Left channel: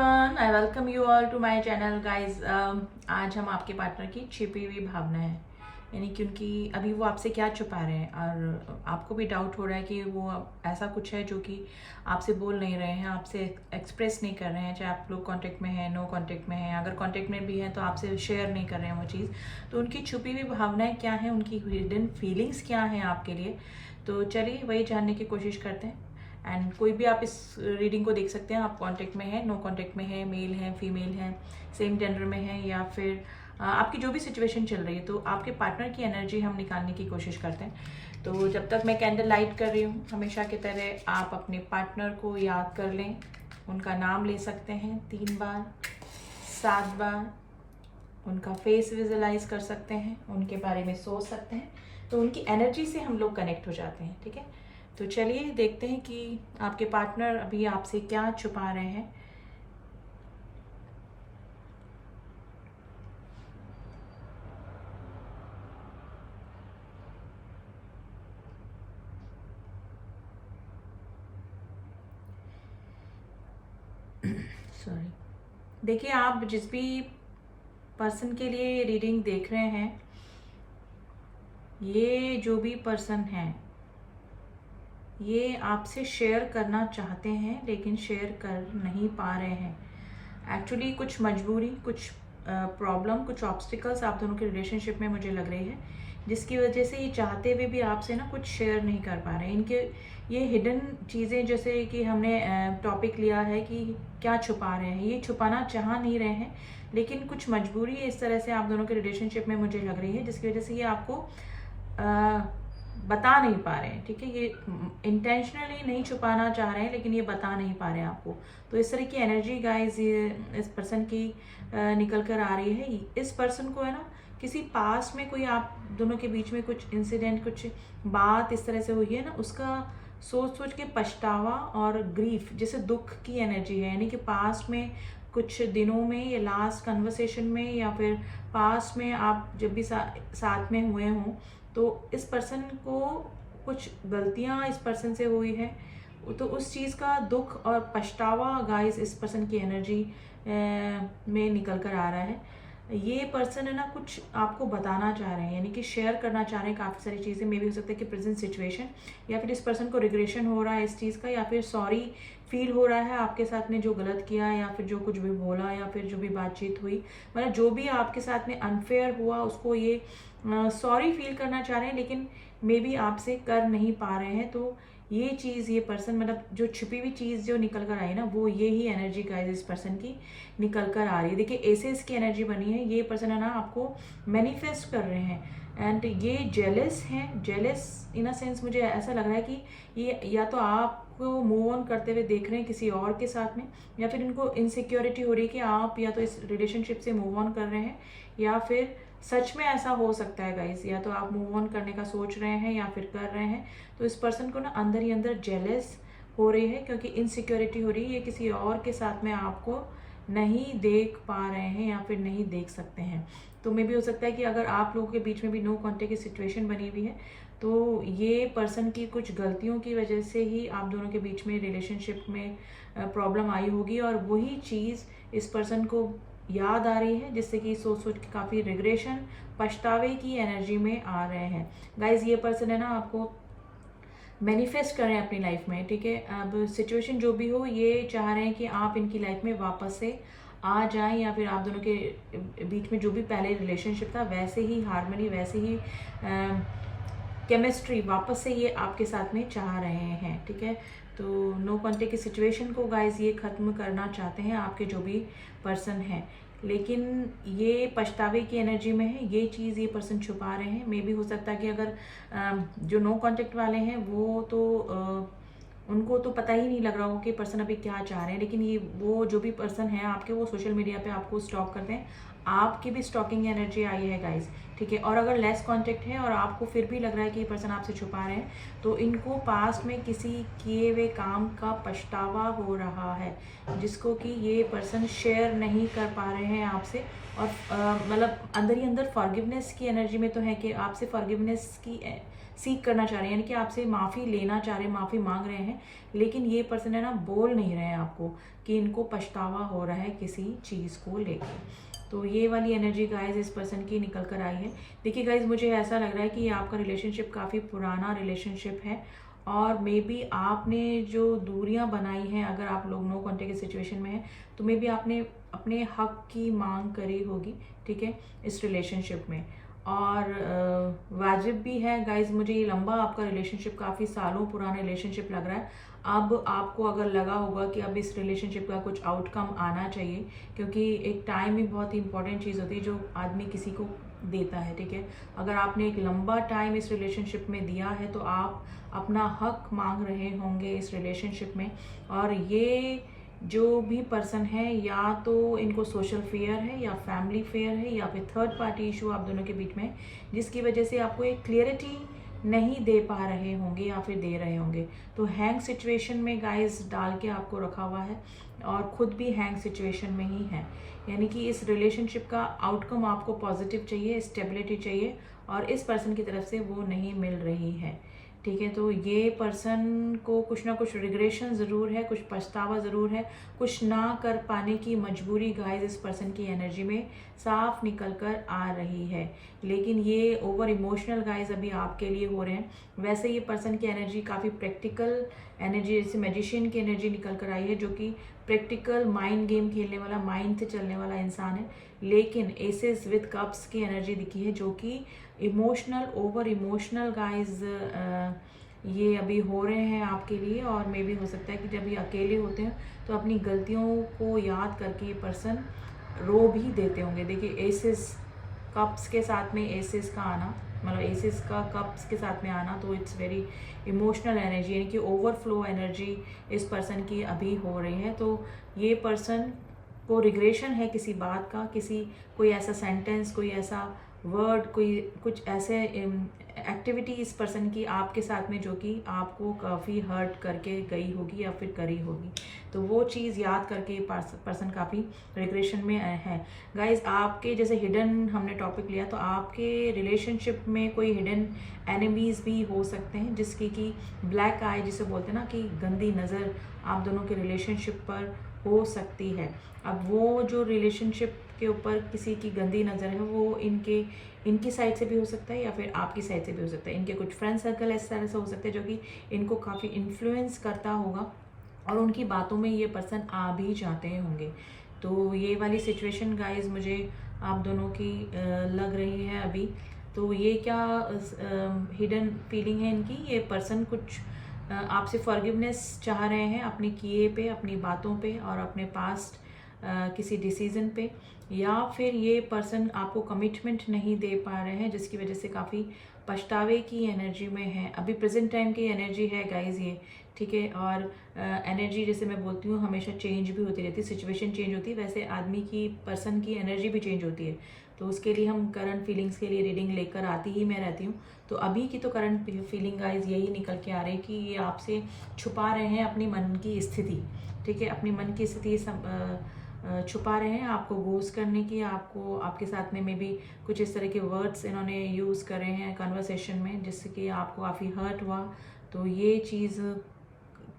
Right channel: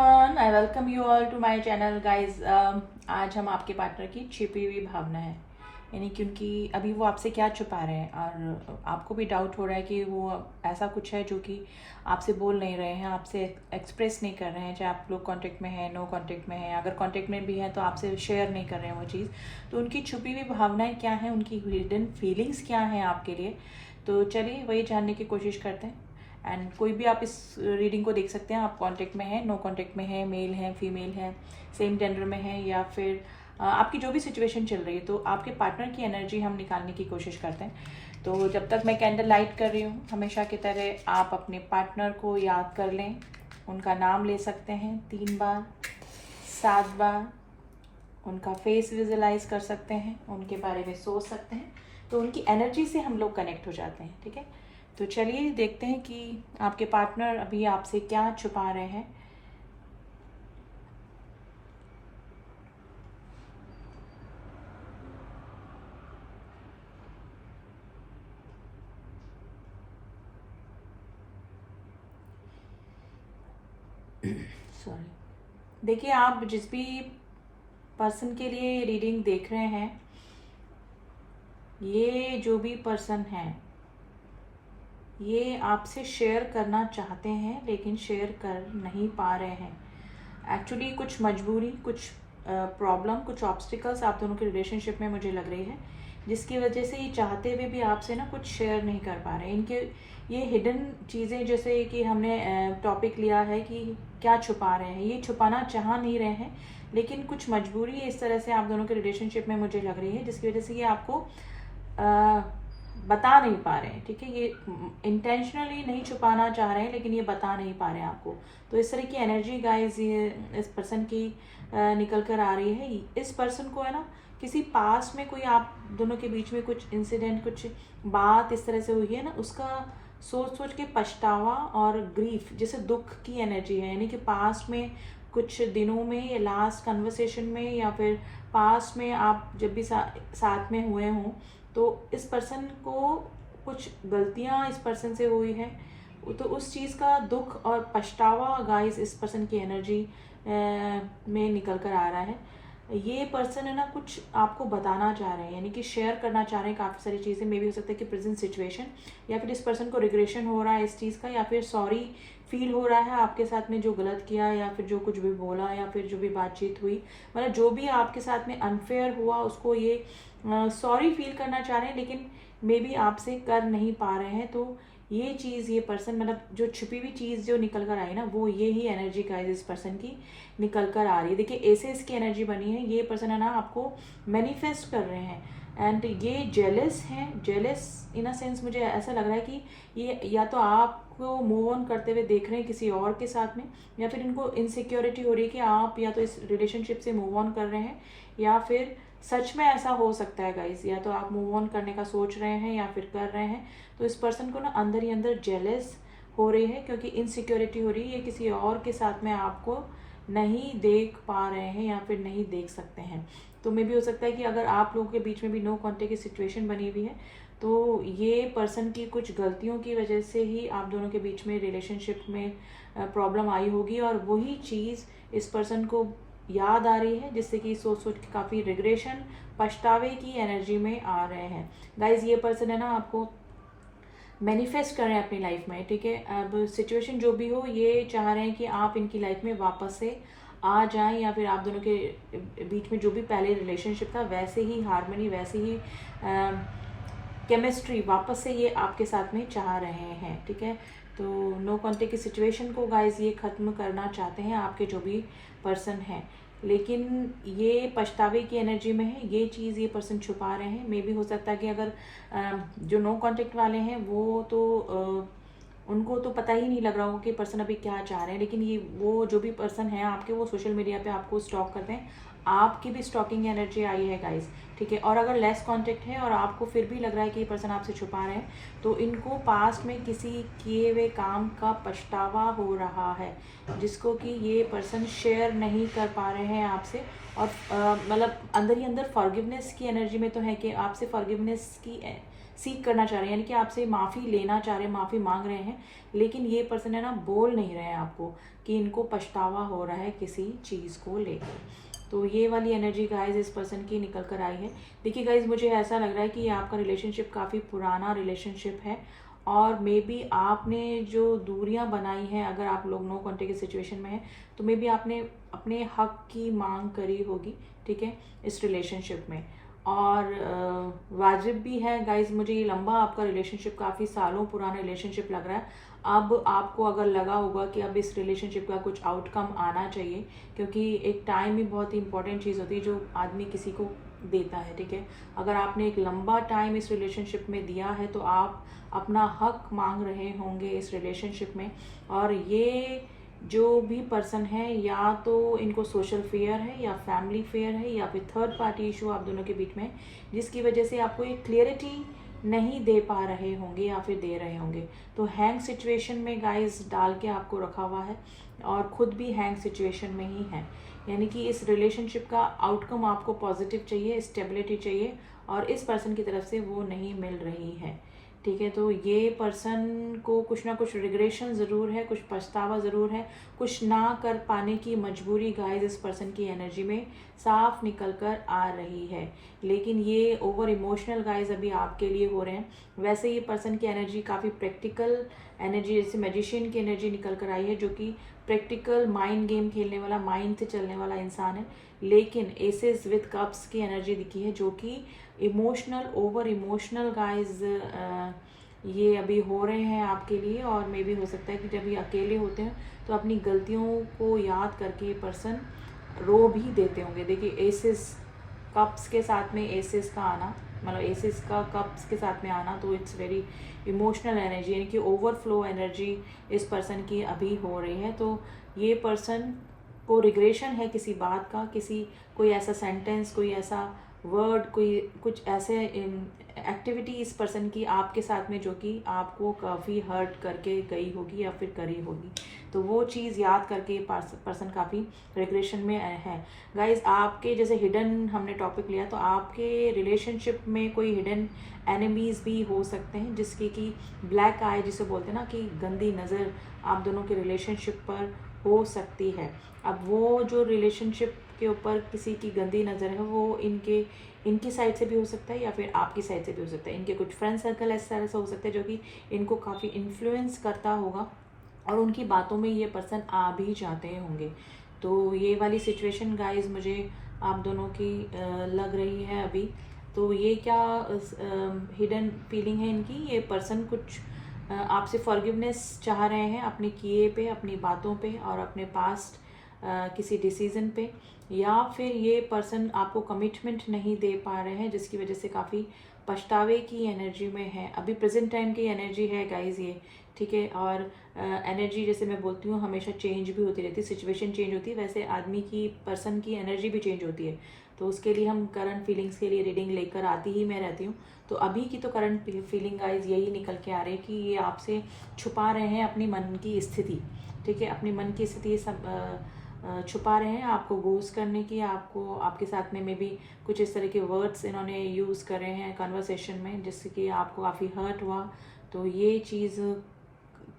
Everyone, I welcome you all to my channel guys. आज हम आपके पार्टनर की छिपी हुई भावना है, यानी क्योंकि अभी वो आपसे क्या छुपा रहे हैं और आपको भी डाउट हो रहा है कि वो ऐसा कुछ है जो कि आपसे बोल नहीं रहे हैं, आपसे एक्सप्रेस नहीं कर रहे हैं, चाहे आप लोग कांटेक्ट में हैं, नो कांटेक्ट में हैं, अगर कांटेक्ट में भी हैं तो आपसे शेयर नहीं कर रहे हैं वो चीज़। तो उनकी छुपी हुई भावनाएं क्या हैं, उनकी हिडन फीलिंग्स क्या हैं आपके लिए। तो चलिए वही जानने की कोशिश करते हैं। एंड कोई भी आप इस रीडिंग को देख सकते हैं, आप कांटेक्ट में है, नो कांटेक्ट में है, मेल है, फीमेल है, सेम जेंडर में है, या फिर आपकी जो भी सिचुएशन चल रही है, तो आपके पार्टनर की एनर्जी हम निकालने की कोशिश करते हैं। तो जब तक मैं कैंडल लाइट कर रही हूँ, हमेशा की तरह आप अपने पार्टनर को याद कर लें, उनका नाम ले सकते हैं 3 बार, 7 बार, उनका फेस विजुलाइज कर सकते हैं, उनके बारे में सोच सकते हैं, तो उनकी एनर्जी से हम लोग कनेक्ट हो जाते हैं। ठीक है, तो चलिए देखते हैं कि आपके पार्टनर अभी आपसे क्या छुपा रहे हैं। सॉरी, देखिए आप जिस भी पर्सन के लिए ये रीडिंग देख रहे हैं, ये जो भी पर्सन है ये आपसे शेयर करना चाहते हैं लेकिन शेयर कर नहीं पा रहे हैं। एक्चुअली कुछ मजबूरी, कुछ प्रॉब्लम, कुछ ऑब्स्टिकल्स आप दोनों के रिलेशनशिप में मुझे लग रही है, जिसकी वजह से ये चाहते हुए भी आपसे ना कुछ शेयर नहीं कर पा रहे हैं। इनके ये हिडन चीज़ें, जैसे कि हमने टॉपिक लिया है कि क्या छुपा रहे हैं, ये छुपाना चाह नहीं रहे हैं, लेकिन कुछ मजबूरी इस तरह से आप दोनों के रिलेशनशिप में मुझे लग रही है, जिसकी वजह से ये आपको बता नहीं पा रहे हैं। ठीक है, ये इंटेंशनली नहीं छुपाना चाह रहे हैं, लेकिन ये बता नहीं पा रहे हैं आपको। तो इस तरह की एनर्जी गाइस ये इस पर्सन की निकल कर आ रही है। इस पर्सन को है ना, किसी पास में कोई आप दोनों के बीच में कुछ इंसिडेंट, कुछ बात इस तरह से हुई है ना, उसका सोच सोच के पछतावा और ग्रीफ, जैसे दुख की एनर्जी है, यानी कि पास में कुछ दिनों में या लास्ट कन्वर्सेशन में या फिर पास में आप जब भी साथ में हुए हों, तो इस पर्सन को कुछ गलतियां इस पर्सन से हुई है, तो उस चीज़ का दुख और पछतावा गाइस इस पर्सन की एनर्जी में निकल कर आ रहा है। ये पर्सन है ना, कुछ आपको बताना चाह रहे हैं, यानी कि शेयर करना चाह रहे हैं काफ़ी सारी चीज़ें। मे भी हो सकता है कि प्रेजेंट सिचुएशन, या फिर इस पर्सन को रिग्रेशन हो रहा है इस चीज़ का, या फिर सॉरी फील हो रहा है आपके साथ में जो गलत किया है, या फिर जो कुछ भी बोला, या फिर जो भी बातचीत हुई, मतलब जो भी आपके साथ में अनफेयर हुआ, उसको ये सॉरी फील करना चाह रहे हैं, लेकिन मे बी आपसे कर नहीं पा रहे हैं। तो ये चीज़, ये पर्सन, मतलब जो छुपी हुई चीज़ जो निकल कर आई ना, वो ये ही एनर्जी का इस पर्सन की निकल कर आ रही है। देखिए एसेस की एनर्जी बनी है, ये पर्सन है ना आपको मैनिफेस्ट कर रहे हैं, एंड ये जेलस हैं। जेलस इन अ सेंस मुझे ऐसा लग रहा है कि ये या तो आपको मूव ऑन करते हुए देख रहे हैं किसी और के साथ में, या फिर इनको इनसिक्योरिटी हो रही है कि आप या तो इस रिलेशनशिप से मूव ऑन कर रहे हैं, या फिर सच में ऐसा हो सकता है गाइस, या तो आप मूव ऑन करने का सोच रहे हैं या फिर कर रहे हैं। तो इस पर्सन को ना अंदर ही अंदर जेलस हो रही है, क्योंकि इनसिक्योरिटी हो रही है, ये किसी और के साथ में आपको नहीं देख पा रहे हैं या फिर नहीं देख सकते हैं। तो मे भी हो सकता है कि अगर आप लोगों के बीच में भी नो कॉन्टेक्ट की सिचुएशन बनी हुई है, तो ये पर्सन की कुछ गलतियों की वजह से ही आप दोनों के बीच में रिलेशनशिप में प्रॉब्लम आई होगी, और वही चीज़ इस पर्सन को याद आ रही है, जिससे कि सोच सोच के काफ़ी रिग्रेशन, पछतावे की एनर्जी में आ रहे हैं। गाइज ये पर्सन है ना आपको मैनिफेस्ट कर रहे हैं अपनी लाइफ में। ठीक है, अब सिचुएशन जो भी हो, ये चाह रहे हैं कि आप इनकी लाइफ में वापस से आ जाएं, या फिर आप दोनों के बीच में जो भी पहले रिलेशनशिप था वैसे ही हार्मनी, वैसे ही केमिस्ट्री वापस से ये आपके साथ में चाह रहे हैं। ठीक है, तो नो कॉन्टेक्ट की सिचुएशन को गाइज ये ख़त्म करना चाहते हैं आपके जो भी पर्सन हैं, लेकिन ये पछतावे की एनर्जी में है, ये चीज़ ये पर्सन छुपा रहे हैं। मे भी हो सकता है कि अगर जो नो कॉन्टेक्ट वाले हैं वो तो उनको तो पता ही नहीं लग रहा हो कि पर्सन अभी क्या चाह रहे हैं, लेकिन ये वो जो भी पर्सन है आपके, वो सोशल मीडिया पे आपको स्टॉक करते हैं, आपकी भी स्टॉकिंग एनर्जी आई है गाइस। ठीक है, और अगर लेस कांटेक्ट है और आपको फिर भी लग रहा है कि ये पर्सन आपसे छुपा रहे हैं, तो इनको पास्ट में किसी किए हुए काम का पछतावा हो रहा है, जिसको कि ये पर्सन शेयर नहीं कर पा रहे हैं आपसे। और मतलब अंदर ही अंदर फॉरगिवनेस की एनर्जी में तो है कि आपसे फॉरगिवनेस की सीख करना चाह रहे हैं, यानी कि आपसे माफ़ी लेना चाह रहे हैं, माफ़ी मांग रहे हैं, लेकिन ये पर्सन है ना बोल नहीं रहे हैं आपको, कि इनको पछतावा हो रहा है किसी चीज़ को लेकर। तो ये वाली एनर्जी गाइज इस पर्सन की निकल कर आई है। देखिए गाइज, मुझे ऐसा लग रहा है कि आपका रिलेशनशिप काफ़ी पुराना रिलेशनशिप है और मे बी आपने जो दूरियां बनाई हैं, अगर आप लोग नो कॉन्टेक्ट की सिचुएशन में हैं तो मे बी आपने अपने हक की मांग करी होगी, ठीक है, इस रिलेशनशिप में। और वाजिब भी है गाइज, मुझे ये लंबा आपका रिलेशनशिप, काफ़ी सालों पुराना रिलेशनशिप लग रहा है। अब आपको अगर लगा होगा कि अब इस रिलेशनशिप का कुछ आउटकम आना चाहिए, क्योंकि एक टाइम ही बहुत ही इंपॉर्टेंट चीज़ होती है जो आदमी किसी को देता है, ठीक है। अगर आपने एक लंबा टाइम इस रिलेशनशिप में दिया है तो आप अपना हक मांग रहे होंगे इस रिलेशनशिप में। और ये जो भी पर्सन है, या तो इनको सोशल फेयर है या फैमिली फेयर है या फिर थर्ड पार्टी इशू आप दोनों के बीच में, जिसकी वजह से आपको एक क्लियरिटी नहीं दे पा रहे होंगे या फिर दे रहे होंगे। तो हैंग सिचुएशन में गाइस डाल के आपको रखा हुआ है और खुद भी हैंग सिचुएशन में ही है। यानी कि इस रिलेशनशिप का आउटकम आपको पॉजिटिव चाहिए, स्टेबिलिटी चाहिए, और इस पर्सन की तरफ से वो नहीं मिल रही है, ठीक है। तो ये पर्सन को कुछ ना कुछ रिग्रेशन ज़रूर है, कुछ पछतावा ज़रूर है, कुछ ना कर पाने की मजबूरी गाइस इस पर्सन की एनर्जी में साफ निकल कर आ रही है। लेकिन ये ओवर इमोशनल गाइस अभी आपके लिए हो रहे हैं। वैसे ये पर्सन की एनर्जी काफ़ी प्रैक्टिकल एनर्जी, जैसे मैजिशियन की एनर्जी निकल कर आई है, जो कि प्रैक्टिकल माइंड गेम खेलने वाला, माइंड से चलने वाला इंसान है। लेकिन एसेस विद कप्स की एनर्जी दिखी है, जो कि इमोशनल, ओवर इमोशनल गाइज ये अभी हो रहे हैं आपके लिए। और मे भी हो सकता है कि जब ये अकेले होते हैं तो अपनी गलतियों को याद करके ये पर्सन रो भी देते होंगे। देखिए, एसेस कप्स के साथ में एसेस का आना, मतलब एसेस का कप्स के साथ में आना, तो इट्स वेरी इमोशनल एनर्जी, यानी कि ओवरफ्लो एनर्जी इस पर्सन की अभी हो रही है। तो ये पर्सन को रिग्रेशन है किसी बात का, किसी कोई ऐसा सेंटेंस, कोई ऐसा वर्ड, कोई कुछ ऐसे एक्टिविटी इस पर्सन की आपके साथ में जो कि आपको काफ़ी हर्ट करके गई होगी या फिर करी होगी। तो वो चीज़ याद करके पर्सन काफ़ी रिग्रेशन में है। गाइज, आपके जैसे हिडन हमने टॉपिक लिया, तो आपके रिलेशनशिप में कोई हिडन एनिमीज भी हो सकते हैं, जिसकी कि ब्लैक आई जिसे बोलते हैं ना, कि गंदी नज़र आप दोनों के रिलेशनशिप पर हो सकती है। अब वो जो रिलेशनशिप के ऊपर किसी की गंदी नज़र है, वो इनकी साइड से भी हो सकता है या फिर आपकी साइड से भी हो सकता है। इनके कुछ फ्रेंड सर्कल इस तरह से हो सकता है जो कि इनको काफ़ी इन्फ्लुएंस करता होगा और उनकी बातों में ये पर्सन आ भी जाते होंगे। तो ये वाली सिचुएशन गाइज मुझे आप दोनों की लग रही है अभी। तो ये क्या हिडन फीलिंग है इनकी, ये पर्सन कुछ आपसे फॉरगिवनेस चाह रहे हैं अपने किए पे, अपनी बातों पे और अपने पास्ट किसी डिसीजन पे, या फिर ये पर्सन आपको कमिटमेंट नहीं दे पा रहे हैं, जिसकी वजह से काफ़ी पछतावे की एनर्जी में है। अभी प्रेजेंट टाइम की एनर्जी है गाइज ये, ठीक है। और एनर्जी जैसे मैं बोलती हूँ हमेशा चेंज भी होती रहती है, सिचुएशन चेंज होती है, वैसे आदमी की, पर्सन की एनर्जी भी चेंज होती है। तो उसके लिए हम करंट फीलिंग्स के लिए रीडिंग लेकर आती ही मैं रहती हूँ। तो अभी की तो करंट फीलिंग गाइज यही निकल के आ रही है कि ये आपसे छुपा रहे हैं अपनी मन की स्थिति, ठीक है, अपनी मन की स्थिति छुपा रहे हैं आपको गोस्ट करने की, आपको आपके साथ में भी कुछ इस तरह के वर्ड्स इन्होंने यूज़ करे हैं कन्वर्सेशन में, जिससे कि आपको काफ़ी हर्ट हुआ। तो ये चीज़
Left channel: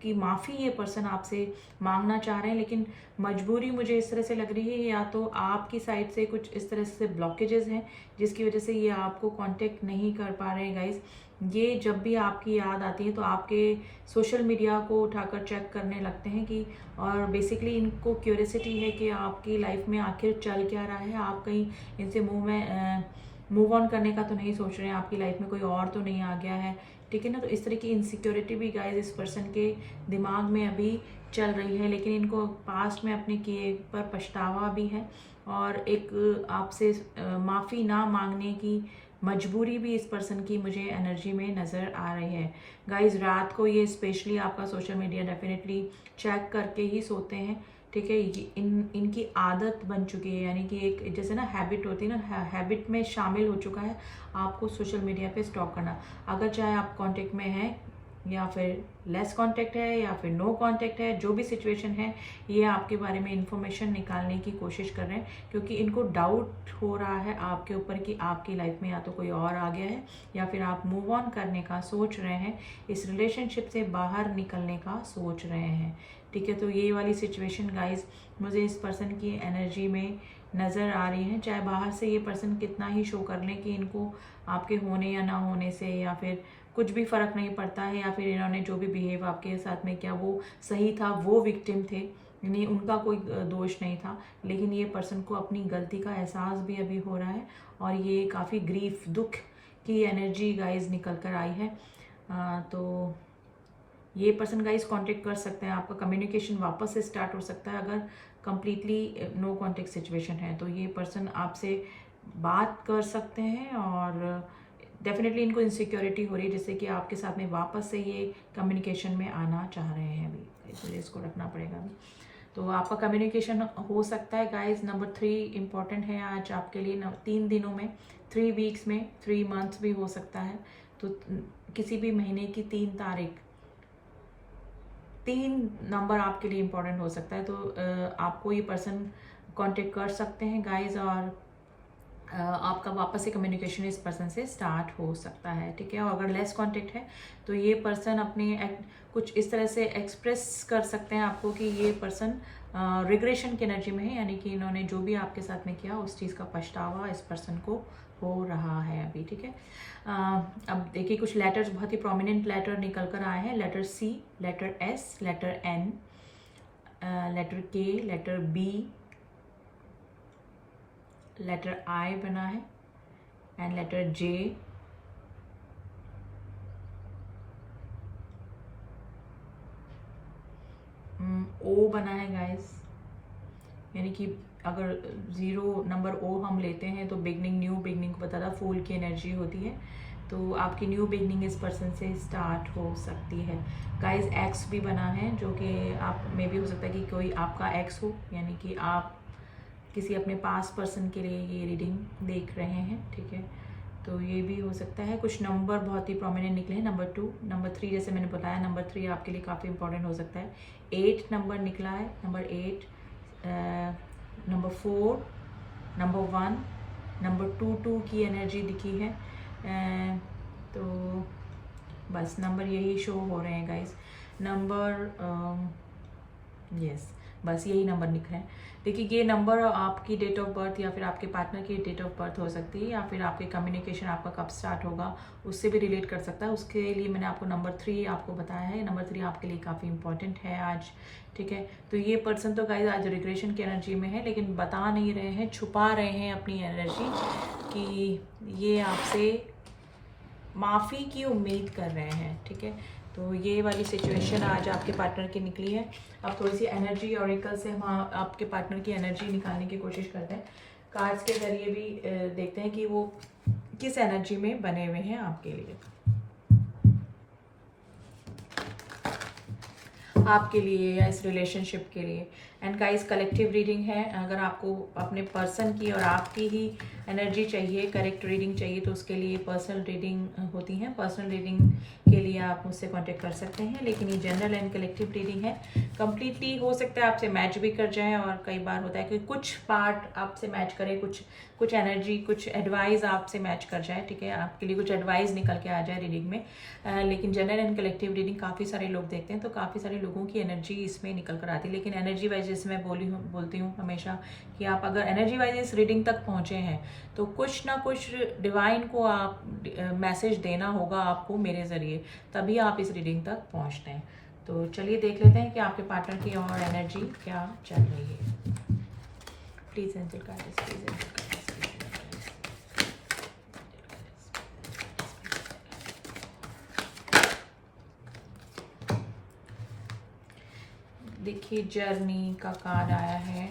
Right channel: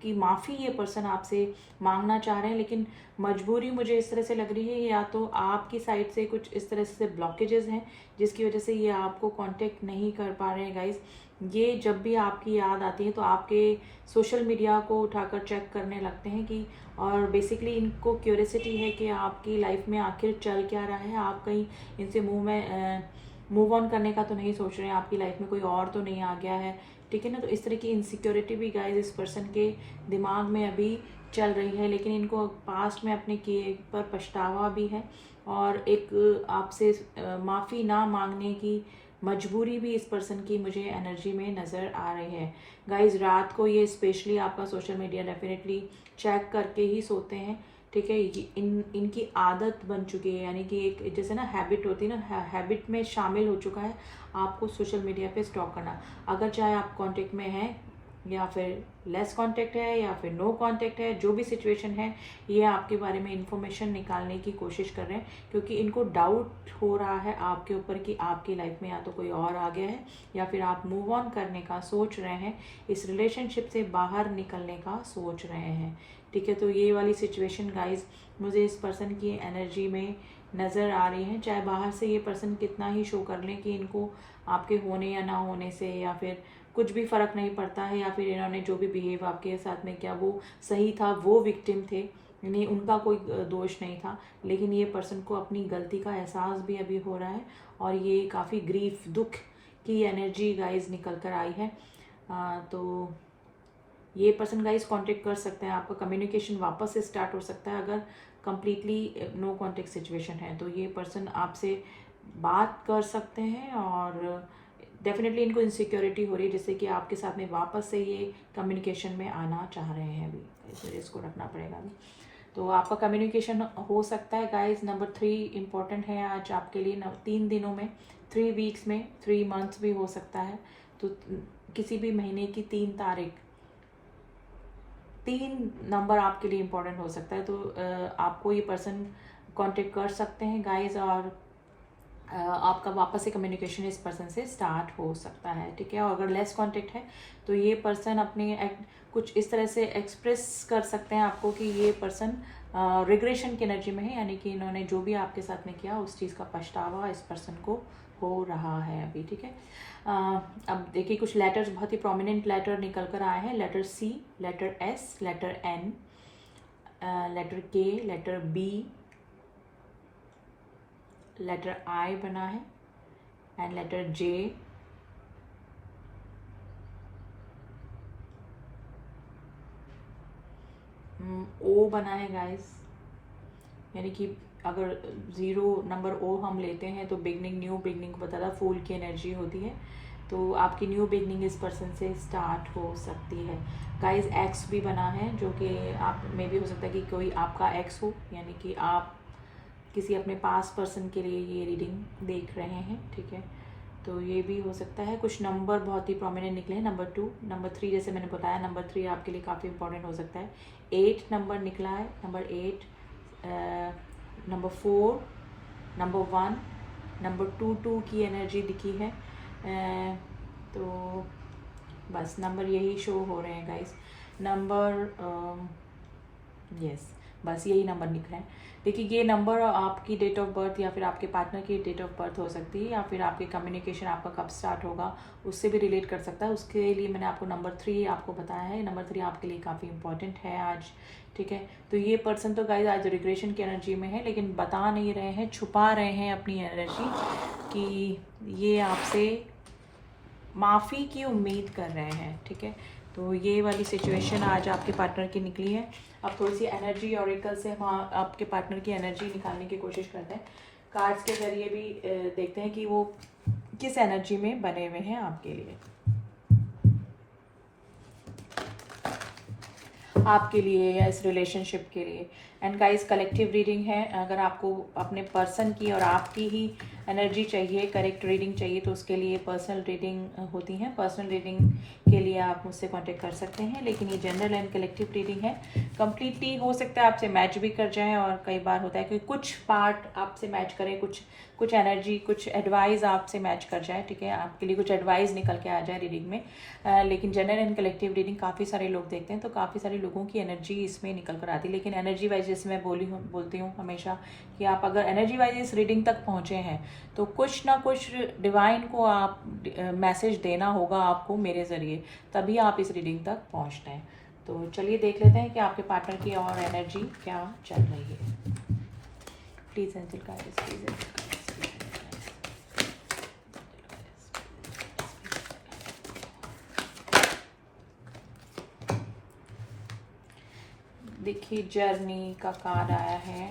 की माफ़ी ये पर्सन आपसे मांगना चाह रहे हैं, लेकिन मजबूरी मुझे इस तरह से लग रही है, या तो आपकी साइड से कुछ इस तरह से ब्लॉकेजेस हैं जिसकी वजह से ये आपको कांटेक्ट नहीं कर पा रहे हैं गाइस। ये जब भी आपकी याद आती है तो आपके सोशल मीडिया को उठाकर चेक करने लगते हैं कि, और बेसिकली इनको क्यूरियोसिटी है कि आपकी लाइफ में आखिर चल क्या रहा है, आप कहीं इनसे मूव ऑन करने का तो नहीं सोच रहे हैं, आपकी लाइफ में कोई और तो नहीं आ गया है, ठीक है ना। तो इस तरह की इनसिक्योरिटी भी गाइस इस पर्सन के दिमाग में अभी चल रही है, लेकिन इनको पास्ट में अपने किए पर पछतावा भी है और एक आपसे माफ़ी ना मांगने की मजबूरी भी इस पर्सन की मुझे एनर्जी में नज़र आ रही है। गाइस, रात को ये स्पेशली आपका सोशल मीडिया डेफिनेटली चेक करके ही सोते हैं, ठीक है। इनकी आदत बन चुकी है, यानी कि एक जैसे ना हैबिट होती है ना, हैबिट में शामिल हो चुका है आपको सोशल मीडिया पे स्टॉक करना। अगर चाहे आप कांटेक्ट में हैं या फिर लेस कांटेक्ट है या फिर नो कांटेक्ट है, जो भी सिचुएशन है, ये आपके बारे में इंफॉर्मेशन निकालने की कोशिश कर रहे हैं, क्योंकि इनको डाउट हो रहा है आपके ऊपर कि आपकी लाइफ में या तो कोई और आ गया है या फिर आप मूव ऑन करने का सोच रहे हैं, इस रिलेशनशिप से बाहर निकलने का सोच रहे हैं, ठीक है। तो ये वाली सिचुएशन गाइज मुझे इस पर्सन की एनर्जी में नज़र आ रही है। चाहे बाहर से ये पर्सन कितना ही शो कर लें कि इनको आपके होने या ना होने से या फिर कुछ भी फ़र्क नहीं पड़ता है, या फिर इन्होंने जो भी बिहेव आपके साथ में किया वो सही था, वो विक्टिम थे, नहीं उनका कोई दोष नहीं था, लेकिन ये पर्सन को अपनी गलती का एहसास भी अभी हो रहा है और ये काफ़ी ग्रीफ, दुख की एनर्जी गाइज निकल कर आई है। तो ये पर्सन गाइज कांटेक्ट कर सकते हैं, आपका कम्युनिकेशन वापस से स्टार्ट हो सकता है अगर कंप्लीटली नो कांटेक्ट सिचुएशन है। तो ये पर्सन आपसे बात कर सकते हैं और डेफिनेटली इनको इनसिक्योरिटी हो रही है जिससे कि आपके साथ में वापस से ये कम्युनिकेशन में आना चाह रहे हैं। अभी तो इसको रखना पड़ेगा अभी। तो आपका कम्युनिकेशन हो सकता है गाइज। नंबर 3 इम्पोर्टेंट है आज आपके लिए। 3 दिनों में, 3 वीक्स में, 3 मंथ्स भी हो सकता है। तो किसी भी महीने की 3 तारीख, 3 नंबर आपके लिए इम्पोर्टेंट हो सकता है। तो आपको ये पर्सन कांटेक्ट कर सकते हैं गाइज और आपका वापस से कम्युनिकेशन इस पर्सन से स्टार्ट हो सकता है, ठीक है। और अगर लेस कांटेक्ट है तो ये पर्सन अपने कुछ इस तरह से एक्सप्रेस कर सकते हैं आपको कि ये पर्सन रिग्रेशन की एनर्जी में है, यानी कि इन्होंने जो भी आपके साथ में किया उस चीज़ का पछतावा इस पर्सन को हो रहा है अभी, ठीक है। अब देखिए कुछ लेटर्स बहुत ही प्रोमिनेंट लेटर निकल कर आए हैं। Letter C, letter S, letter N, letter K, letter B, letter I बना है एंड लेटर जे, ओ बना है गाइस, यानी कि अगर 0 नंबर ओ हम लेते हैं तो बिगनिंग, न्यू बिगनिंग को बताता, फूल की एनर्जी होती है। तो आपकी न्यू बिगनिंग इस पर्सन से स्टार्ट हो सकती है गाइस। एक्स भी बना है जो कि आप में भी हो सकता है कि कोई आपका एक्स हो, यानी कि आप किसी अपने पास पर्सन के लिए ये रीडिंग देख रहे हैं, ठीक है। तो ये भी हो सकता है। कुछ नंबर बहुत ही प्रोमिनेंट निकले हैं। नंबर 2, नंबर 3, जैसे मैंने बताया नंबर 3 आपके लिए काफ़ी इंपॉर्टेंट हो सकता है। 8 नंबर निकला है, नंबर 8, नंबर 4, नंबर 1, नंबर 2 की एनर्जी दिखी है। तो बस नंबर यही शो हो रहे हैं गाइस। नंबर यस, बस यही नंबर निकले हैं। देखिए ये नंबर आपकी डेट ऑफ बर्थ या फिर आपके पार्टनर की डेट ऑफ बर्थ हो सकती है, या फिर आपकी कम्युनिकेशन आपका कब स्टार्ट होगा उससे भी रिलेट कर सकता है। उसके लिए मैंने आपको नंबर 3 आपको बताया है। नंबर 3 आपके लिए काफ़ी इंपॉर्टेंट है आज, ठीक है। तो ये पर्सन तो गाइस आज रिग्रेशन की एनर्जी में है, लेकिन बता नहीं रहे हैं, छुपा रहे हैं अपनी एनर्जी कि ये आपसे माफ़ी की उम्मीद कर रहे हैं, ठीक है। तो ये वाली सिचुएशन आज आपके पार्टनर की निकली है। अब थोड़ी सी एनर्जी ऑरिकल से हम आपके पार्टनर की एनर्जी निकालने की कोशिश करते हैं। कार्ड्स के जरिए भी देखते हैं कि वो किस एनर्जी में बने हुए हैं आपके लिए, आपके लिए या इस रिलेशनशिप के लिए। एंड गाइस कलेक्टिव रीडिंग है। अगर आपको अपने पर्सन की और आपकी ही एनर्जी चाहिए, करेक्ट रीडिंग चाहिए, तो उसके लिए पर्सनल रीडिंग होती है। पर्सनल रीडिंग के लिए आप मुझसे कांटेक्ट कर सकते हैं, लेकिन ये जनरल एंड कलेक्टिव रीडिंग है। कंप्लीटली हो सकता है आपसे मैच भी कर जाएं, और कई बार होता है कि कुछ पार्ट आपसे मैच करें, कुछ एनर्जी, कुछ एडवाइस आपसे मैच कर जाए, ठीक है। आपके लिए कुछ एडवाइस निकल के आ जाए रीडिंग में। लेकिन जनरल एंड कलेक्टिव रीडिंग काफ़ी सारे लोग देखते हैं, तो काफ़ी सारे लोगों की एनर्जी इसमें निकल कर आती है। लेकिन एनर्जी वाइज जैसे मैं बोलती हूँ हमेशा कि आप अगर एनर्जी वाइज इस रीडिंग तक पहुँचे हैं तो कुछ ना कुछ डिवाइन को आप मैसेज देना होगा आपको मेरे ज़रिए, तभी आप इस रीडिंग तक पहुँचते हैं। तो चलिए देख लेते हैं कि आपके पार्टनर की और एनर्जी क्या चल रही है। Please angel guidance, please. देखिए जर्नी का कार्ड आया है।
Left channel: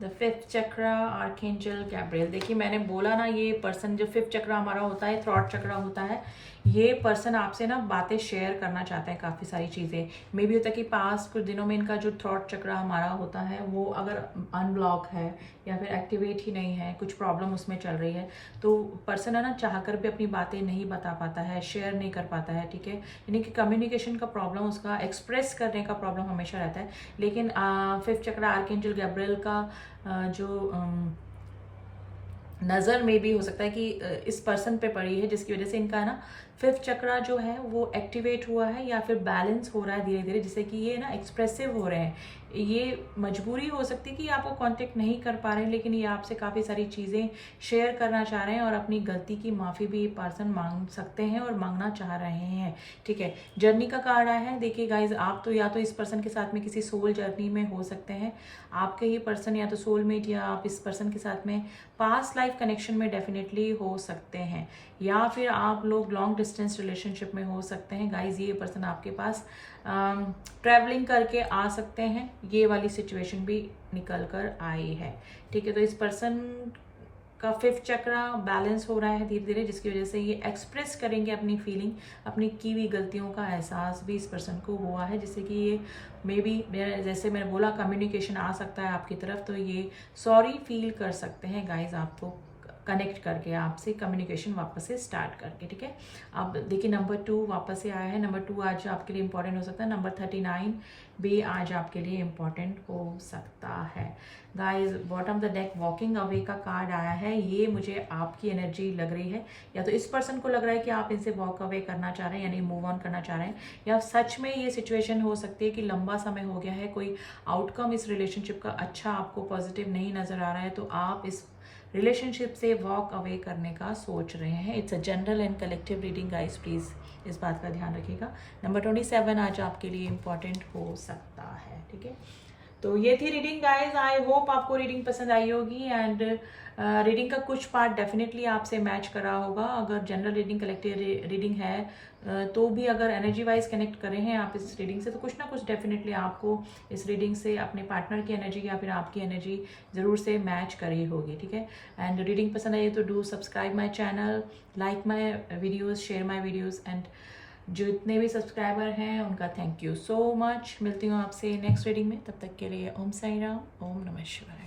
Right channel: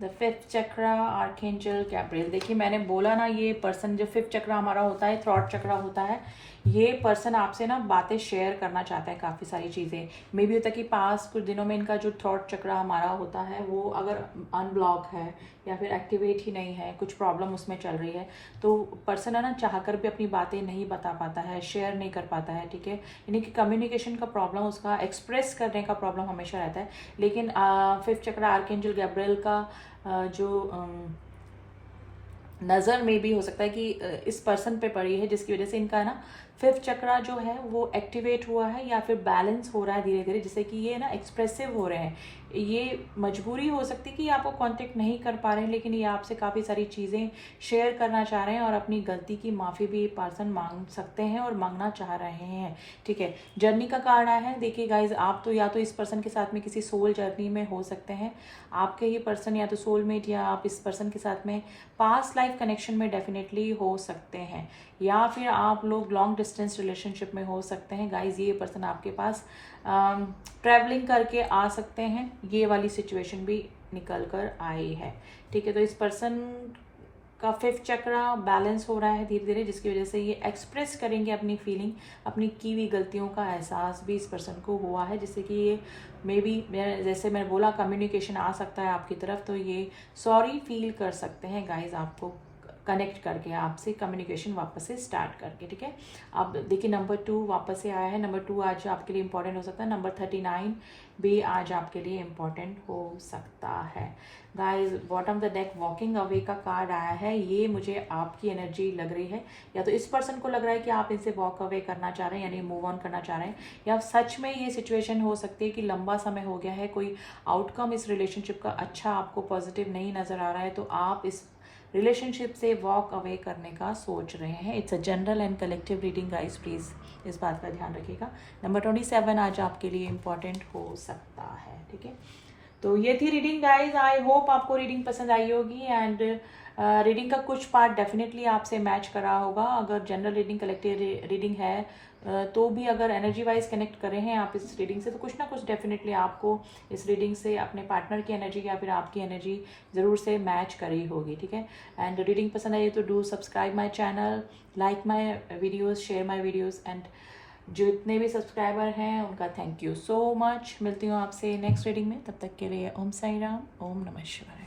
द 5th चक्र, आर्कएंजल गैब्रियल। देखिए मैंने बोला ना, ये पर्सन जो 5th चक्र हमारा होता है, थ्रॉट चक्र होता है, ये पर्सन आपसे ना बातें शेयर करना चाहता है, काफ़ी सारी चीज़ें। मे भी होता है कि पास कुछ दिनों में इनका जो थ्रॉट चक्र हमारा होता है वो अगर अनब्लॉक है या फिर एक्टिवेट ही नहीं है, कुछ प्रॉब्लम उसमें चल रही है, तो पर्सन है ना चाहकर भी अपनी बातें नहीं बता पाता है, शेयर नहीं कर पाता है, ठीक है। यानी कि कम्युनिकेशन का प्रॉब्लम, उसका एक्सप्रेस करने का प्रॉब्लम हमेशा रहता है। लेकिन 5th चक्र आर्कएंजल गैब्रियल का जो नज़र में भी हो सकता है कि इस पर्सन पे पड़ी है, जिसकी वजह से इनका ना 5th चक्रा जो है वो एक्टिवेट हुआ है या फिर बैलेंस हो रहा है धीरे धीरे, जिससे कि ये ना एक्सप्रेसिव हो रहे हैं। ये मजबूरी हो सकती है कि आपको कांटेक्ट नहीं कर पा रहे हैं, लेकिन ये आपसे काफ़ी सारी चीज़ें शेयर करना चाह रहे हैं और अपनी गलती की माफ़ी भी पर्सन मांग सकते हैं और मांगना चाह रहे हैं। ठीक है, जर्नी का कार्ड आया है। देखिए गाइज, आप तो या तो इस पर्सन के साथ में किसी सोल जर्नी में हो सकते हैं, आपके ही पर्सन या तो सोलमेट, या आप इस पर्सन के साथ में पास्ट लाइफ कनेक्शन में डेफिनेटली हो सकते हैं, या फिर आप लोग लॉन्ग डिस्टेंस रिलेशनशिप में हो सकते हैं। गाइज, ये पर्सन आपके पास ट्रैवलिंग करके आ सकते हैं, ये वाली सिचुएशन भी निकल कर आई है। ठीक है, तो इस पर्सन का 5th चक्रा बैलेंस हो रहा है धीरे धीरे, जिसकी वजह से ये एक्सप्रेस करेंगे अपनी फीलिंग, अपनी की हुई गलतियों का एहसास भी इस पर्सन को हुआ है, जिससे कि ये मे बी, जैसे मैंने बोला, कम्युनिकेशन आ सकता है आपकी तरफ, तो ये सॉरी फील कर सकते हैं गाइज, आपको कनेक्ट करके, आपसे कम्युनिकेशन वापस से स्टार्ट करके। ठीक है, अब देखिए नंबर 2 वापस से आया है। नंबर 2 आज आपके लिए इंपॉर्टेंट हो सकता है। नंबर 39 भी आज आपके लिए इंपॉर्टेंट हो सकता है। Guys, bottom the deck walking away का कार्ड आया है। ये मुझे आपकी एनर्जी लग रही है, या तो इस पर्सन को लग रहा है कि आप इनसे वॉक अवे करना चाह रहे हैं, यानी मूव ऑन करना चाह रहे हैं, या सच में ये सिचुएशन हो सकती है कि लंबा समय हो गया है, कोई आउटकम इस रिलेशनशिप का अच्छा आपको पॉजिटिव नहीं नजर आ रहा है, तो आप इस रिलेशनशिप से वॉक अवे करने का सोच रहे हैं। It's a general and collective reading guys, please इस बात का ध्यान रखिएगा। नंबर 27 आज आपके लिए इंपॉर्टेंट हो सकता है। ठीक है, तो ये थी रीडिंग गाइज। आई होप आपको रीडिंग पसंद आई होगी, एंड रीडिंग का कुछ पार्ट डेफिनेटली आपसे मैच करा होगा। अगर जनरल रीडिंग, कलेक्टिव रीडिंग है, तो भी अगर एनर्जी वाइज कनेक्ट कर रहे हैं आप इस रीडिंग से, तो कुछ ना कुछ डेफिनेटली आपको इस रीडिंग से अपने पार्टनर की एनर्जी या फिर आपकी एनर्जी ज़रूर से मैच करी होगी। ठीक है, एंड रीडिंग पसंद आई तो do subscribe my channel, like my videos, share my videos, and जितने भी सब्सक्राइबर हैं उनका थैंक यू सो मच। मिलती हूँ आपसे नेक्स्ट रीडिंग में, तब तक के लिए ओम साई राम, ओम नमः शिवाय।